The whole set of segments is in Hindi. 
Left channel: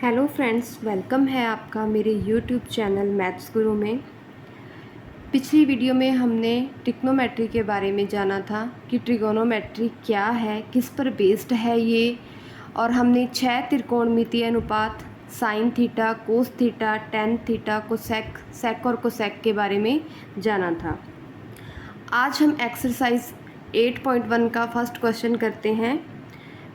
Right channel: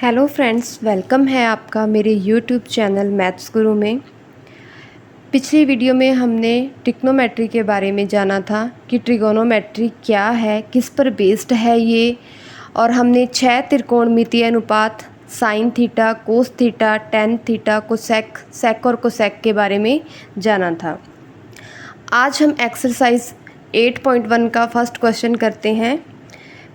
हेलो फ्रेंड्स, वेलकम है आपका मेरे यूट्यूब चैनल मैथ्स गुरु में। पिछली वीडियो में हमने ट्रिग्नोमेट्री के बारे में जाना था कि ट्रिगोनोमेट्री क्या है, किस पर बेस्ड है ये, और हमने 6 त्रिकोणमितीय अनुपात sine theta, cos theta, tan theta, cosec, sec और कोसेक के बारे में जाना था। आज हम एक्सरसाइज 8.1 का फर्स्ट क्वेश्चन करते हैं।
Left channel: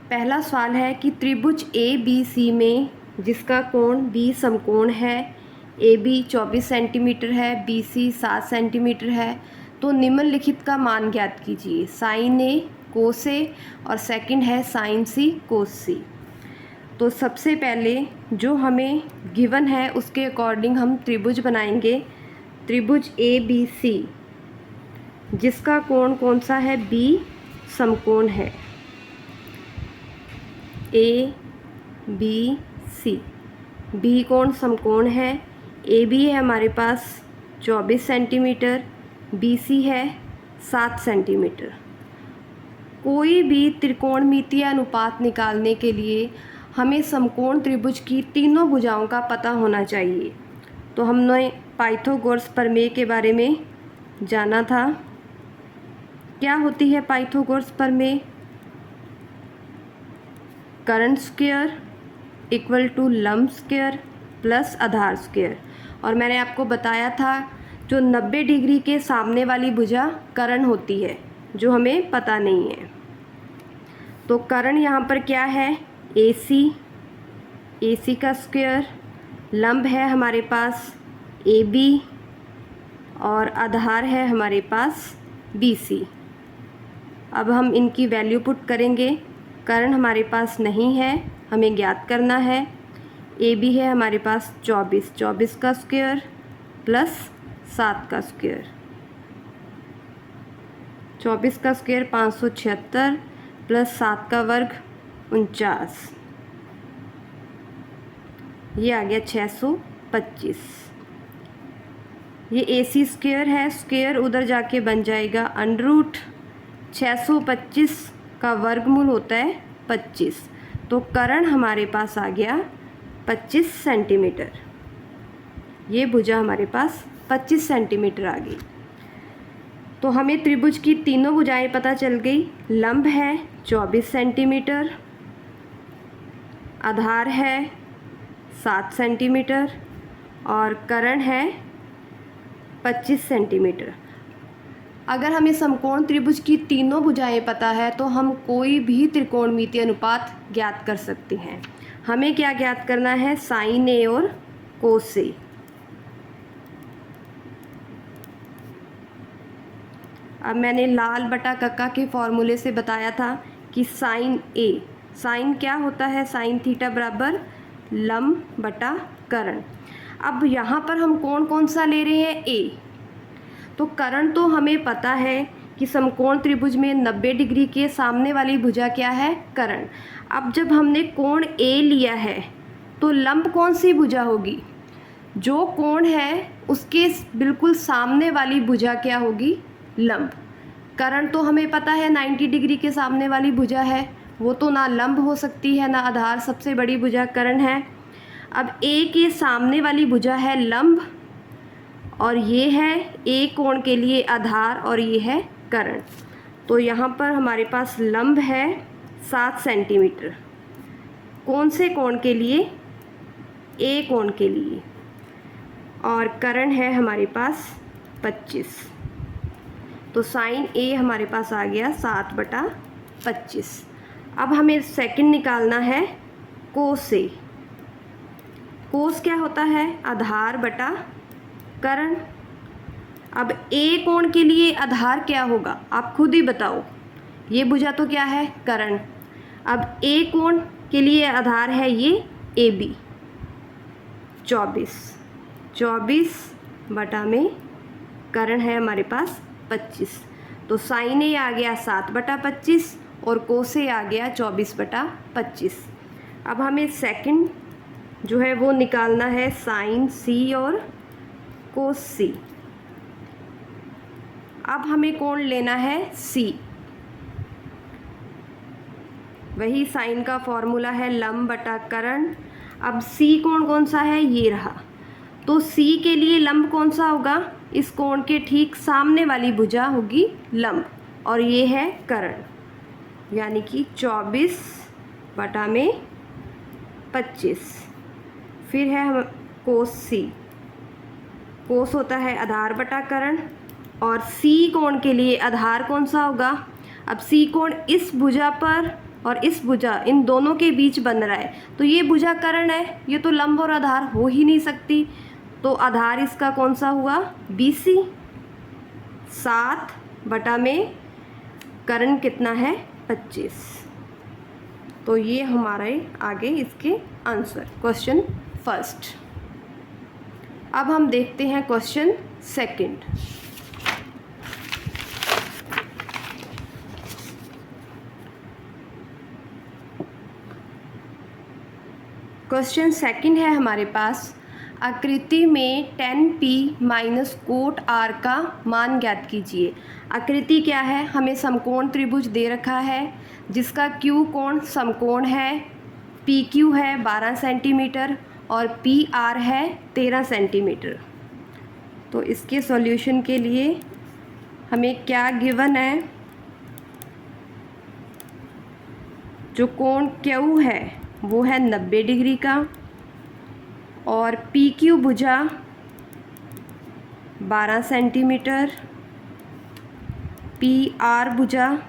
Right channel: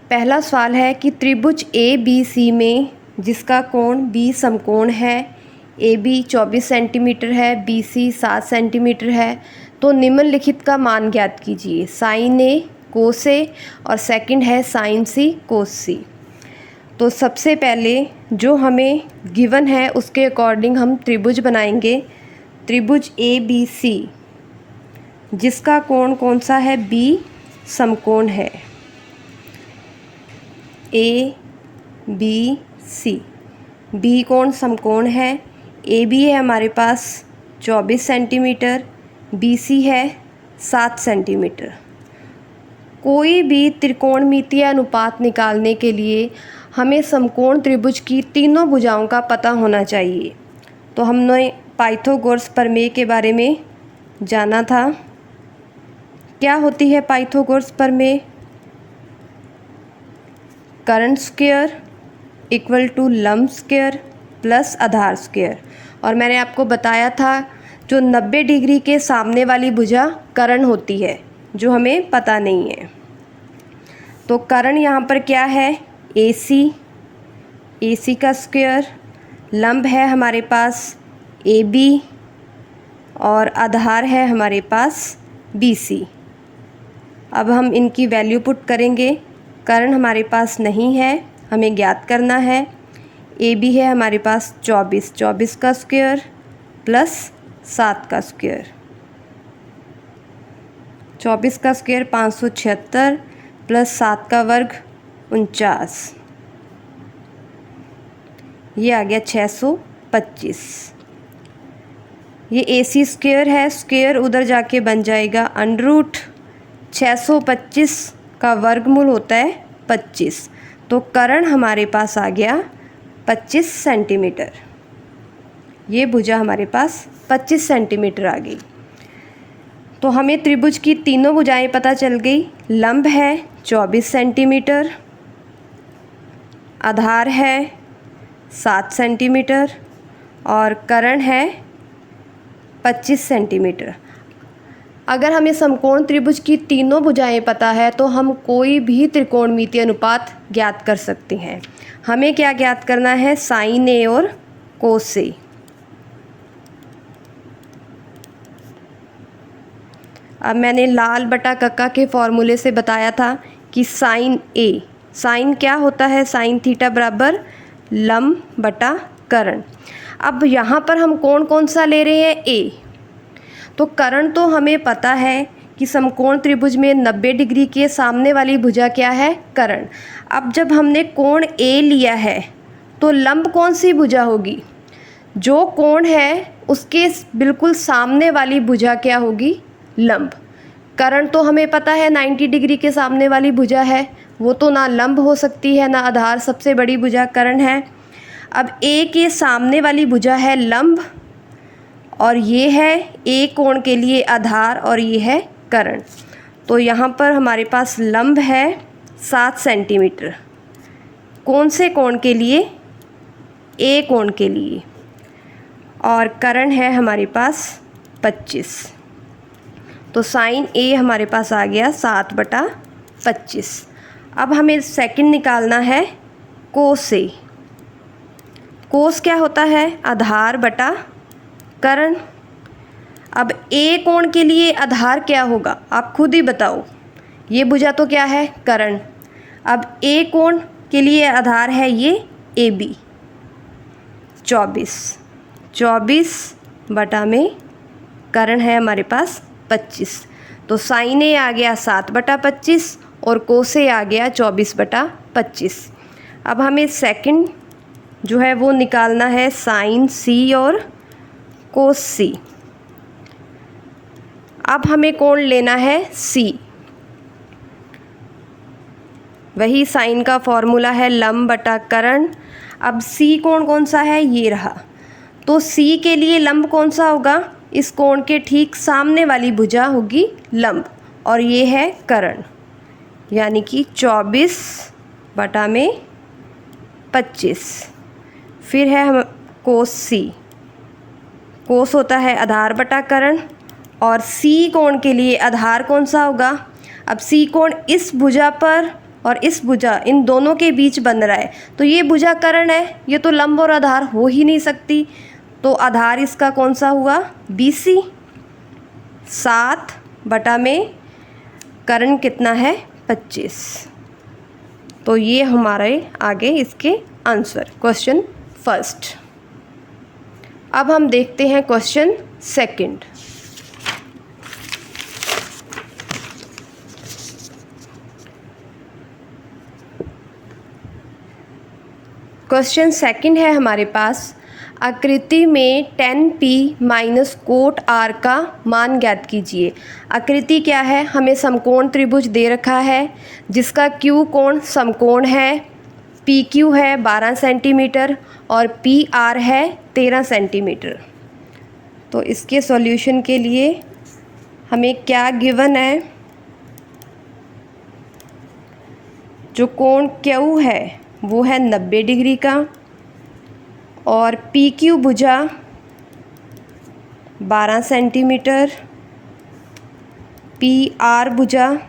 पहला सवाल है कि त्रिभुज ए बी सी में जिसका कोण बी समकोण है, ए बी 24 सेंटीमीटर है, बी सी 7 सेंटीमीटर है, तो निम्नलिखित का मान ज्ञात कीजिए। साइन ए कोस ए और सेकंड है साइन सी कोस सी। तो सबसे पहले जो हमें गिवन है उसके अकॉर्डिंग हम त्रिभुज बनाएंगे। त्रिभुज ए बी सी जिसका कोण कौन सा है, बी समकोण है। ए बी सी, बी कोण समकोण है। ए बी है हमारे पास 24 सेंटीमीटर, बी सी है 7 सेंटीमीटर। कोई भी त्रिकोणमितीय अनुपात निकालने के लिए हमें समकोण त्रिभुज की तीनों भुजाओं का पता होना चाहिए। तो हमने पाइथागोरस प्रमेय के बारे में जाना था। क्या होती है पाइथागोरस प्रमेय? कर्ण स्क्वायर इक्वल टू लंब स्क्वायर प्लस आधार स्क्वायर। और मैंने आपको बताया था जो 90 डिग्री के सामने वाली भुजा कर्ण होती है, जो हमें पता नहीं है। तो कर्ण यहाँ पर क्या है, AC, AC का स्क्वायर। लंब है हमारे पास AB और आधार है हमारे पास BC। अब हम इनकी वैल्यू पुट करेंगे। कर्ण हमारे पास नहीं है, हमें ज्ञात करना है। AB है हमारे पास 24, 24 का स्क्वायर प्लस 7 का स्क्वायर। 24 का स्क्वायर 576 प्लस 7 का वर्ग 49, ये आ गया 625। ये AC स्क्वायर है, स्क्वायर उधर जाके बन जाएगा अंडर रूट 625 का वर्गमूल होता है 25। तो कर्ण हमारे पास आ गया 25 सेंटीमीटर। ये भुजा हमारे पास 25 सेंटीमीटर आ गई। तो हमें त्रिभुज की तीनों भुजाएं पता चल गई। लंब है 24 सेंटीमीटर, आधार है 7 सेंटीमीटर और कर्ण है 25 सेंटीमीटर। अगर हमें समकोण त्रिभुज की तीनों भुजाएं पता है तो हम कोई भी त्रिकोणमितीय अनुपात ज्ञात कर सकते हैं। हमें क्या ज्ञात करना है, साइन ए और कोस ए। अब मैंने लाल बटा कक्का के फॉर्मूले से बताया था कि साइन ए, साइन क्या होता है, साइन थीटा बराबर लंब बटा कर्ण। अब यहाँ पर हम कौन कौन सा ले रहे हैं, ए। तो कर्ण तो हमें पता है कि समकोण त्रिभुज में 90 डिग्री के सामने वाली भुजा क्या है, कर्ण। अब जब हमने कोण ए लिया है तो लंब कौन सी भुजा होगी, जो कोण है उसके बिल्कुल सामने वाली भुजा क्या होगी, लंब। कर्ण तो हमें पता है 90 डिग्री के सामने वाली भुजा है, वो तो ना लंब हो सकती है ना आधार, सबसे बड़ी भुजा कर्ण है। अब ए के सामने वाली भुजा है लंब और ये है ए कोण के लिए आधार और ये है कर्ण। तो यहाँ पर हमारे पास लंब है 7 सेंटीमीटर, कौन से कोण के लिए, ए कोण के लिए, और कर्ण है हमारे पास 25। तो साइन ए हमारे पास आ गया 7/25। अब हमें सेकंड निकालना है कोस ए। कोस क्या होता है, आधार बटा कर्ण। अब ए कोण के लिए आधार क्या होगा, आप खुद ही बताओ। ये भुजा तो क्या है, कर्ण। अब ए कोण के लिए आधार है ये ए बी 24, 24 बटा में कर्ण है हमारे पास 25। तो साइन ए आ गया 7/25 और कोस ए आ गया 24/25। अब हमें सेकंड जो है वो निकालना है साइन सी और कोस सी। अब हमें कोण लेना है सी। वही साइन का फॉर्मूला है लंब बटा कर्ण। अब सी कोण कौन सा है, ये रहा, तो सी के लिए लंब कौन सा होगा, इस कोण के ठीक सामने वाली भुजा होगी लंब, और ये है कर्ण, यानी कि 24/25। फिर है हम कोस सी, कोस होता है आधार बटा कर्ण, और सी कोण के लिए आधार कौन सा होगा, अब सी कोण इस भुजा पर और इस भुजा, इन दोनों के बीच बन रहा है, तो ये भुजा कर्ण है, ये तो लंब और आधार हो ही नहीं सकती, तो आधार इसका कौन सा हुआ, BC। 7 में कर्ण कितना है, 25। तो ये हमारे आगे इसके आंसर क्वेश्चन फर्स्ट। अब हम देखते हैं क्वेश्चन सेकंड। क्वेश्चन सेकंड है हमारे पास, आकृति में tan P minus cot R का मान ज्ञात कीजिए। आकृति क्या है, हमें समकोण त्रिभुज दे रखा है जिसका Q कोण समकोण है, PQ है 12 सेंटीमीटर और PR है 13 सेंटीमीटर। तो इसके सॉल्यूशन के लिए हमें क्या गिवन है, जो कोण Q है वो है 90 डिग्री का, और PQ भुजा 12 सेंटीमीटर, PR भुजा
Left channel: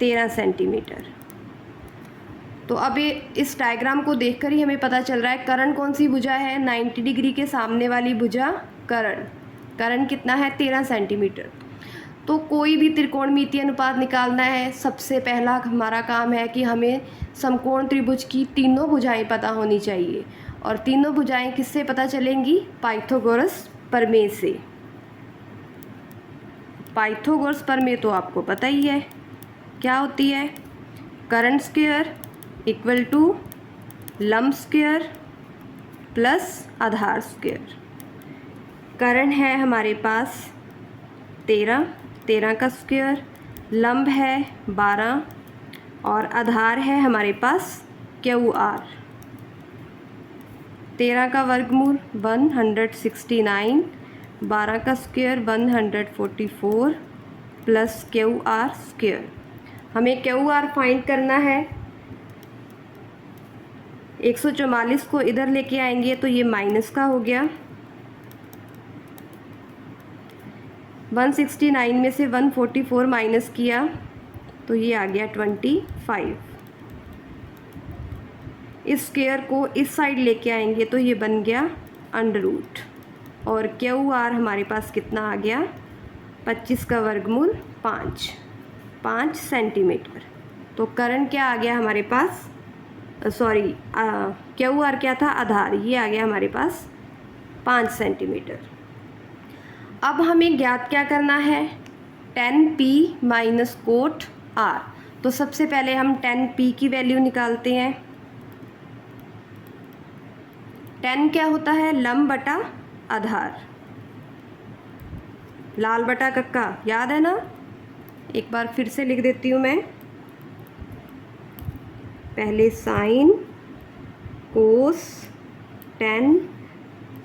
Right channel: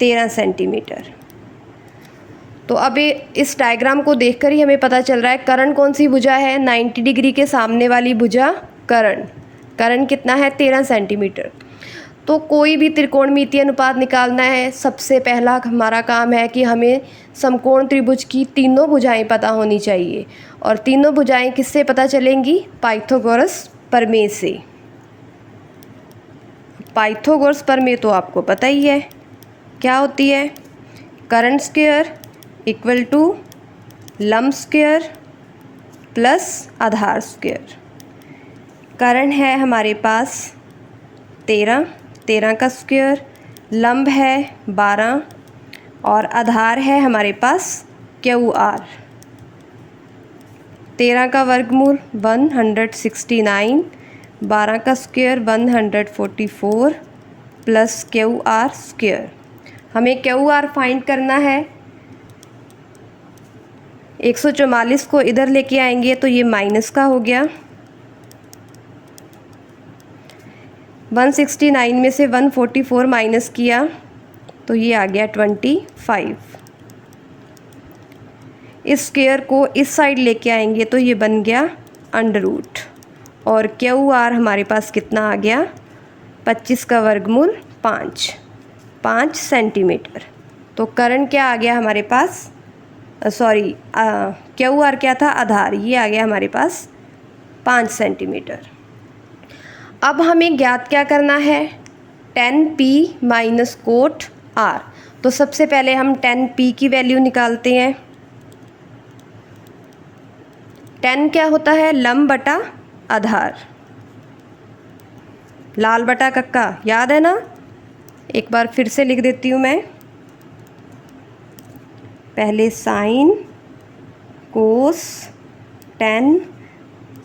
13 सेंटीमीटर। तो अब इस डायग्राम को देखकर ही हमें पता चल रहा है कर्ण कौन सी भुजा है, 90 डिग्री के सामने वाली भुजा कर्ण कितना है, 13 सेंटीमीटर। तो कोई भी त्रिकोणमितीय अनुपात निकालना है, सबसे पहला हमारा काम है कि हमें समकोण त्रिभुज की तीनों भुजाएं पता होनी चाहिए, और तीनों भुजाएं किससे पता चलेंगी, पाइथागोरस प्रमेय से। पाइथागोरस प्रमेय तो आपको पता ही है क्या होती है, कर्ण स्क्वायर इक्वल टू लंब स्क्वायर प्लस आधार स्क्वायर। कर्ण है हमारे पास 13 का स्क्वायर, लंब है 12 और आधार है हमारे पास QR। 13 का वर्गमूल 169, 12 का स्क्वायर 144 प्लस QR स्क्वायर। हमें QR फाइंड करना है। 144 को इधर लेके आएंगे तो ये माइनस का हो गया, 169 में से 144 माइनस किया तो ये आ गया 25। इस स्क्वायर को इस साइड लेके आएंगे तो ये बन गया अंडर रूट, और QR हमारे पास कितना आ गया, 25 का वर्गमूल 5 सेंटीमीटर। तो कर्ण क्या आ गया हमारे पास, सॉरी QR क्या था, आधार, ये आ गया हमारे पास 5 सेंटीमीटर। अब हमें ज्ञात क्या करना है, tan P minus cot R। तो सबसे पहले हम tan P की वैल्यू निकालते हैं। tan क्या होता है, लंब बटा आधार, लाल बटा कक्का, याद है ना, एक बार फिर से लिख देती हूँ मैं। पहले साइन, कोस, tan,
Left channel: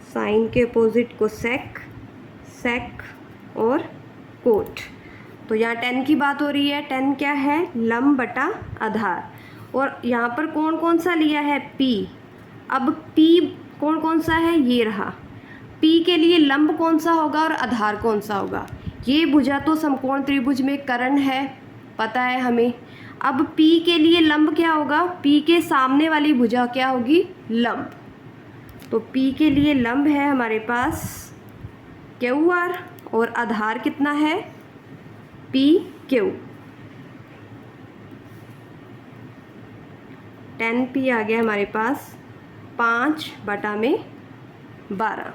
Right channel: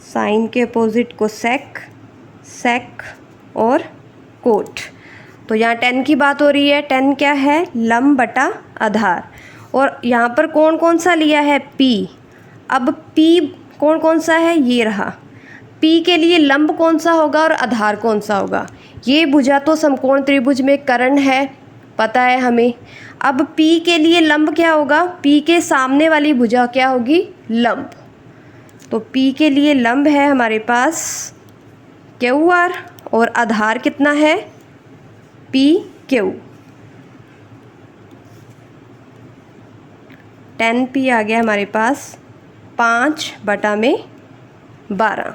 साइन के अपोजिट को सेक और कोट। तो यहाँ tan की बात हो रही है, tan क्या है, लंब बटा आधार, और यहाँ पर कोण कौन सा लिया है, P। अब P कोण कौन सा है, ये रहा, P के लिए लंब कौन सा होगा और आधार कौन सा होगा, ये भुजा तो समकोण त्रिभुज में कर्ण है, पता है हमें। अब P के लिए लंब क्या होगा, P के सामने वाली भुजा क्या होगी, लंब। तो P के लिए लंब है हमारे पास QR, और आधार कितना है, PQ। tan P आ गया हमारे पास 5/12।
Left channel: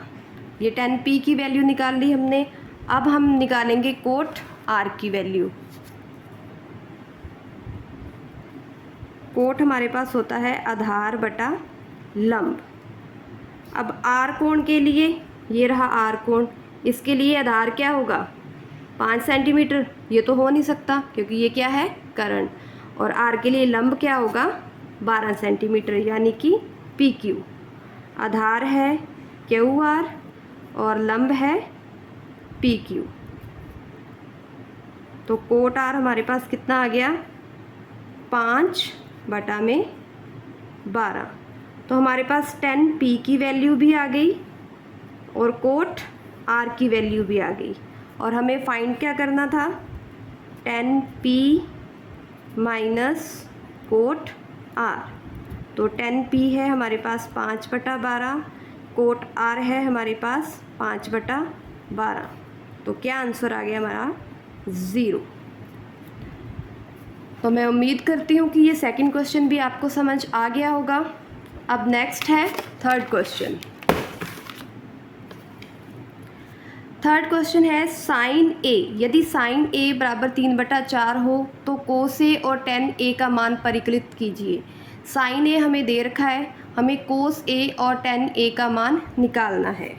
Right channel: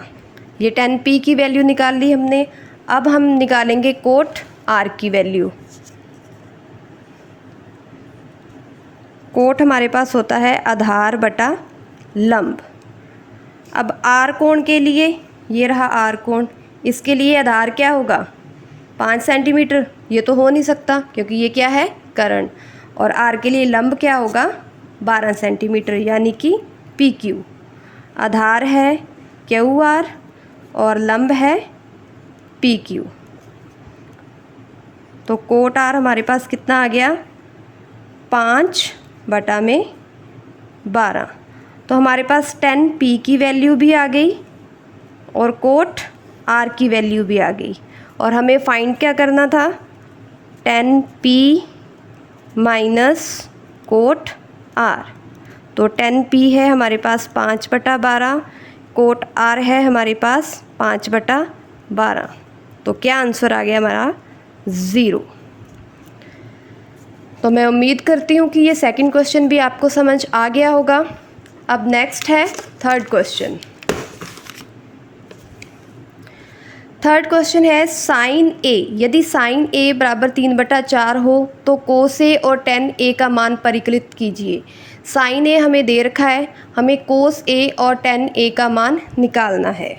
ये tan P की वैल्यू निकाल ली हमने। अब हम निकालेंगे कोट R की वैल्यू। कोट हमारे पास होता है आधार बटा लंब। अब R कोण के लिए, ये रहा R कोण, इसके लिए आधार क्या होगा, 5 सेंटीमीटर। ये तो हो नहीं सकता क्योंकि ये क्या है, कर्ण। और R के लिए लंब क्या होगा, 12 सेंटीमीटर, यानी कि PQ। आधार है QR और लंब है PQ। तो कोट R हमारे पास कितना आ गया, 5/12। तो हमारे पास 10P की वैल्यू भी आ गई और कोट R की वैल्यू भी आ गई। और हमें फाइंड क्या करना था, 10P माइनस कोट R। तो 10P है हमारे पास 5/12, कोट R है हमारे पास 5/12। तो क्या आंसर आ गया हमारा, 0। तो मैं उम्मीद करती हूँ कि ये सेकंड क्वेश्चन भी आपको समझ आ गया होगा। अब नेक्स्ट है थर्ड क्वेश्चन। थर्ड क्वेश्चन है साइन A। यदि साइन A बराबर 3/4 हो तो कोस A और tan A का मान परिकलित कीजिए। साइन A हमें दे रखा है, हमें कोस A और tan A का मान निकालना है।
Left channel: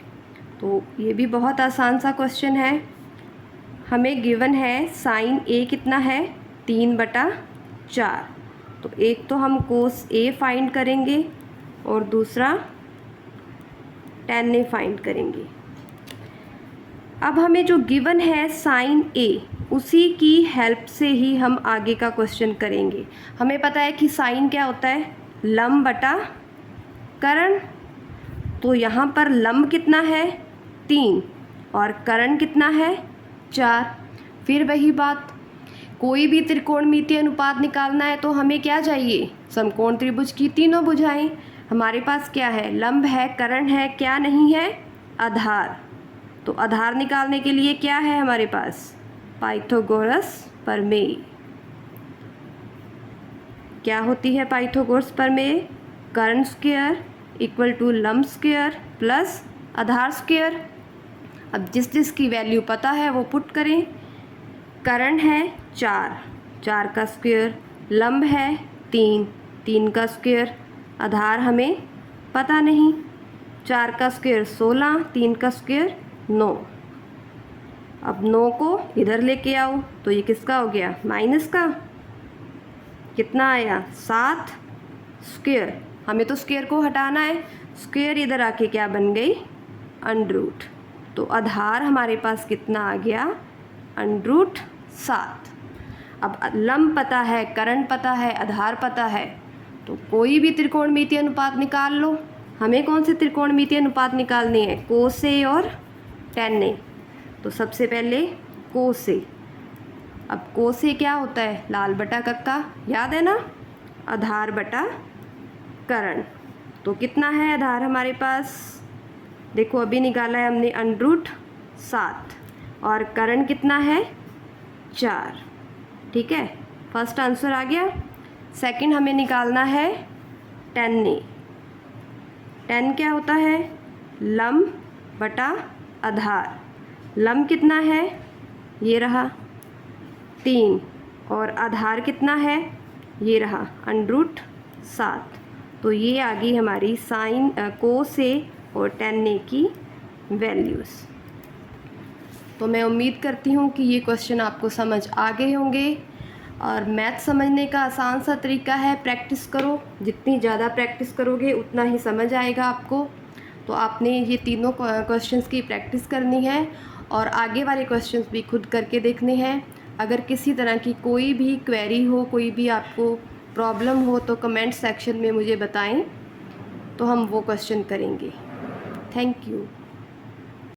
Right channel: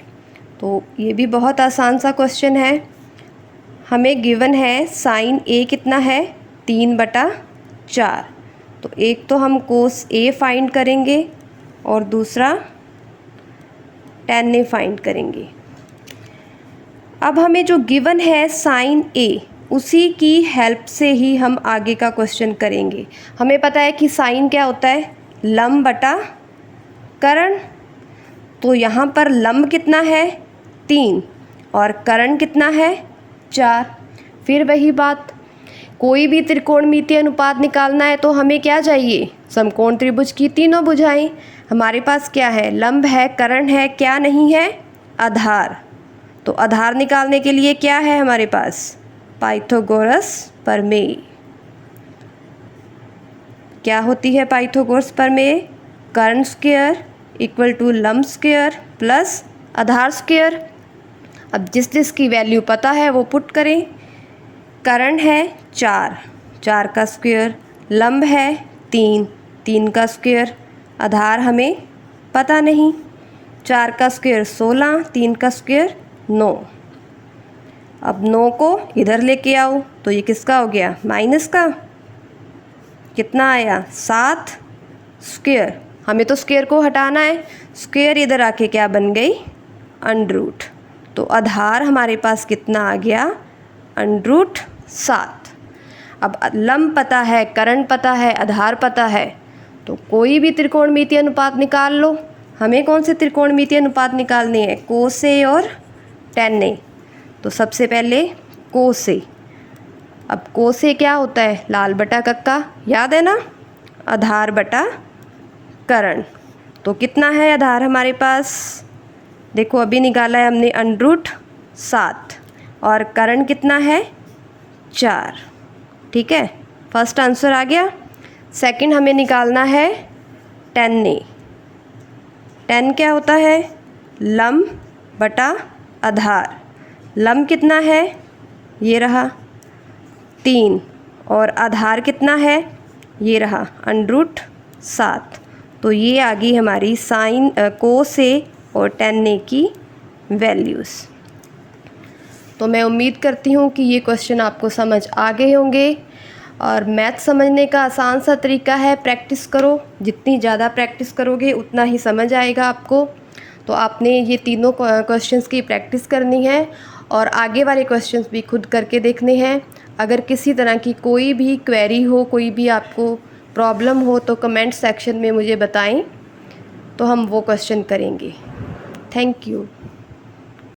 तो ये भी बहुत आसान सा क्वेश्चन है। हमें गिवन है साइन A कितना है, 3/4। तो एक तो हम कोस A फाइंड करेंगे और दूसरा tan A फाइंड करेंगे। अब हमें जो गिवन है साइन A, उसी की हेल्प से ही हम आगे का क्वेश्चन करेंगे। हमें पता है कि साइन क्या होता है, लंब बटा करण। तो यहाँ पर लंब कितना है, 3 और करण कितना है, 4। फिर वही बात, कोई भी त्रिकोणमितीय अनुपात निकालना है तो हमें क्या चाहिए, समकोण त्रिभुज की तीनों भुजाएं। हमारे पास क्या है, लंब है, करण है, क्या नहीं है, आधार। तो आधार निकालने के लिए क्या है हमारे पास, पाइथागोरस प्रमेय। क्या होती है पाइथागोरस प्रमेय, कर्ण स्क्वायर इक्वल टू लंब स्क्वायर प्लस आधार स्क्वायर। अब जिस जिस की वैल्यू पता है वो पुट करें। कर्ण है 4 का स्क्वायर, लंब है 3 का स्क्वायर, आधार हमें पता नहीं। 4 का स्क्वायर 16, 3 का स्क्वायर 9। अब 9 को इधर लेके आओ तो ये किसका हो गया, माइनस का। कितना आया, 7 स्क्वायर। हमें तो स्क्वायर को हटाना है, स्क्वायर इधर आके क्या बन गई, अंडर-रूट। तो आधार हमारे पास कितना आ गया, √7। अब लंब पता है, कर्ण पता है, आधार पता है, तो कोई भी त्रिकोणमितीय अनुपात निकाल लो। हमें कौन से त्रिकोणमितीय अनुपात निकालने हैं, कोस A और tan A। तो सबसे पहले कोस A। अब कोस A क्या होता है, लाल बटा कक्का, याद है ना, आधार बटा कर्ण। तो कितना है आधार हमारे पास, देखो अभी निकाला है हमने, √7 और कर्ण कितना है, 4। ठीक है, फर्स्ट आंसर आ गया। सेकंड हमें निकालना है tan A। tan क्या होता है, लंब बटा आधार। लंब कितना है, ये रहा 3 और आधार कितना है, ये रहा √7। तो ये आ गई हमारी साइन कोस A और tan A की वैल्यूज़। तो मैं उम्मीद करती हूँ कि ये क्वेश्चन आपको समझ आ गए होंगे। और मैथ समझने का आसान सा तरीका है, प्रैक्टिस करो। जितनी ज़्यादा प्रैक्टिस करोगे उतना ही समझ आएगा आपको। तो आपने ये तीनों क्वेश्चंस की प्रैक्टिस करनी है और आगे वाले क्वेश्चंस भी खुद करके देखने हैं। अगर किसी तरह की कोई भी क्वेरी हो, कोई भी आपको प्रॉब्लम हो तो कमेंट सेक्शन में मुझे बताएं, तो हम वो क्वेश्चन करेंगे। Thank you.